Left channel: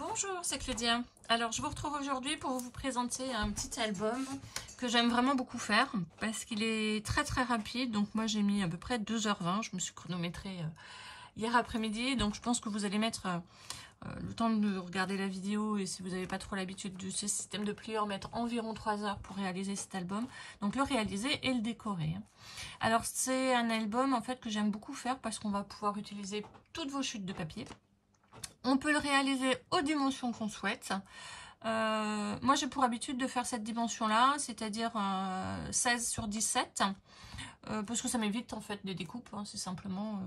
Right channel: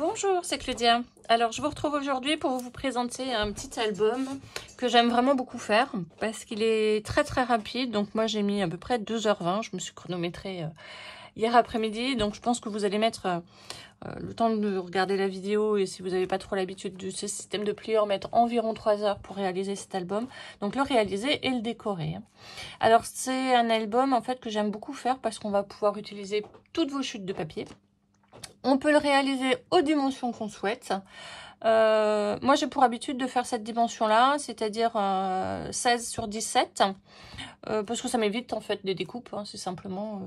Bonjour, c'est Claudia. Alors, je vous retrouve aujourd'hui pour vous présenter un petit album que j'aime vraiment beaucoup faire parce qu'il est très rapide. Donc moi, j'ai mis à peu près 2h20. Je me suis chronométrée hier après-midi. Donc, je pense que vous allez mettre le temps de regarder la vidéo et si vous n'avez pas trop l'habitude de ce système de plieur, mettre environ 3 heures pour réaliser cet album. Donc, le réaliser et le décorer. Alors, c'est un album en fait que j'aime beaucoup faire parce qu'on va pouvoir utiliser toutes vos chutes de papier. On peut le réaliser aux dimensions qu'on souhaite. Moi, j'ai pour habitude de faire cette dimension-là, c'est-à-dire 16 sur 17, parce que ça m'évite en fait des découpes. Hein, c'est simplement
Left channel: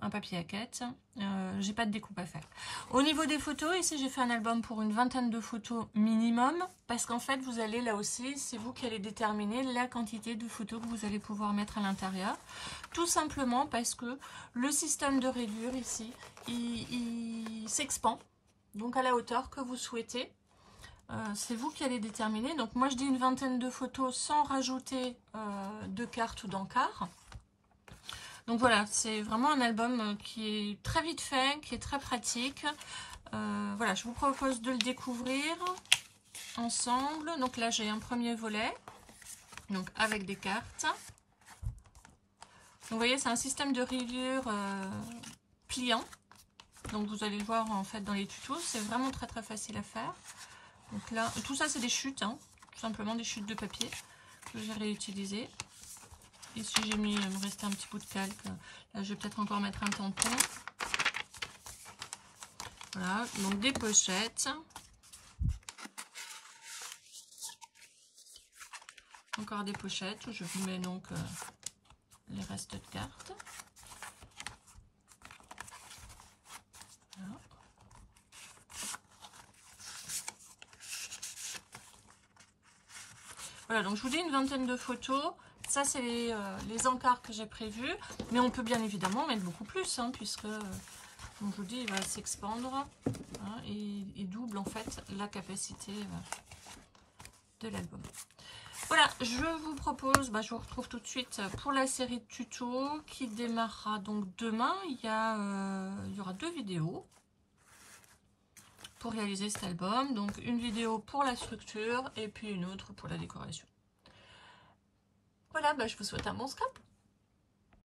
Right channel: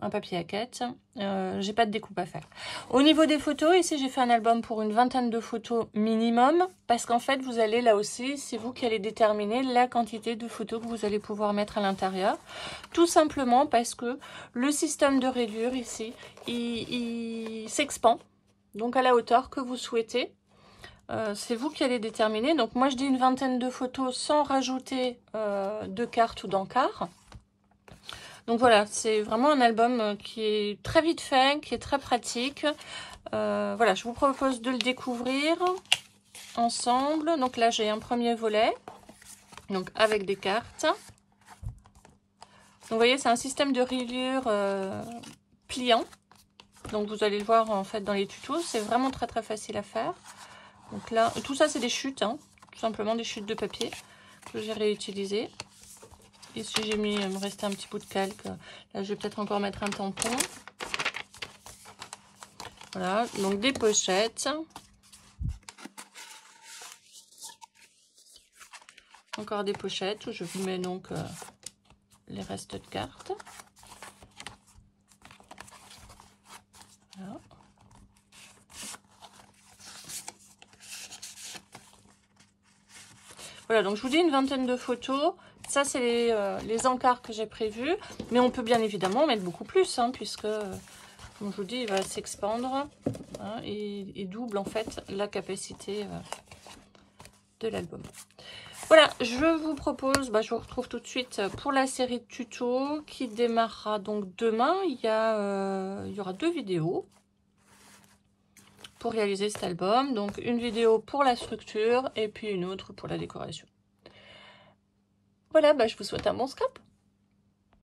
un papier à quête. J'ai pas de découpe à faire. Au niveau des photos, ici, j'ai fait un album pour une vingtaine de photos minimum, parce qu'en fait, vous allez là aussi, c'est vous qui allez déterminer la quantité de photos que vous allez pouvoir mettre à l'intérieur. Tout simplement parce que le système de rayure ici, il s'expand, donc à la hauteur que vous souhaitez. C'est vous qui allez déterminer. Donc moi je dis une vingtaine de photos sans rajouter de cartes ou d'encarts. Donc voilà, c'est vraiment un album qui est très vite fait, qui est très pratique. Voilà, je vous propose de le découvrir ensemble. Donc là j'ai un premier volet, donc avec des cartes. Donc vous voyez, c'est un système de rayures pliant. Donc vous allez le voir en fait dans les tutos, c'est vraiment très facile à faire. Donc là, tout ça c'est des chutes, hein, tout simplement des chutes de papier que j'ai réutilisées. Ici j'ai mis, il me restait un petit bout de calque, là je vais peut-être encore mettre un tampon. Voilà, donc des pochettes. Encore des pochettes où je vous mets donc les restes de cartes. Voilà. Voilà, donc je vous dis une vingtaine de photos. Ça, c'est les encarts que j'ai prévus. Mais on peut bien évidemment mettre beaucoup plus, hein, puisque, comme je vous dis, il va s'expandre hein, et double en fait la capacité de l'album. Voilà, je vous propose, je vous retrouve tout de suite pour la série de tutos qui démarrera donc demain. Il y aura 2 vidéos pour réaliser cet album. Donc une vidéo pour la structure et puis une autre pour la décoration. Voilà, je vous souhaite un bon scrap.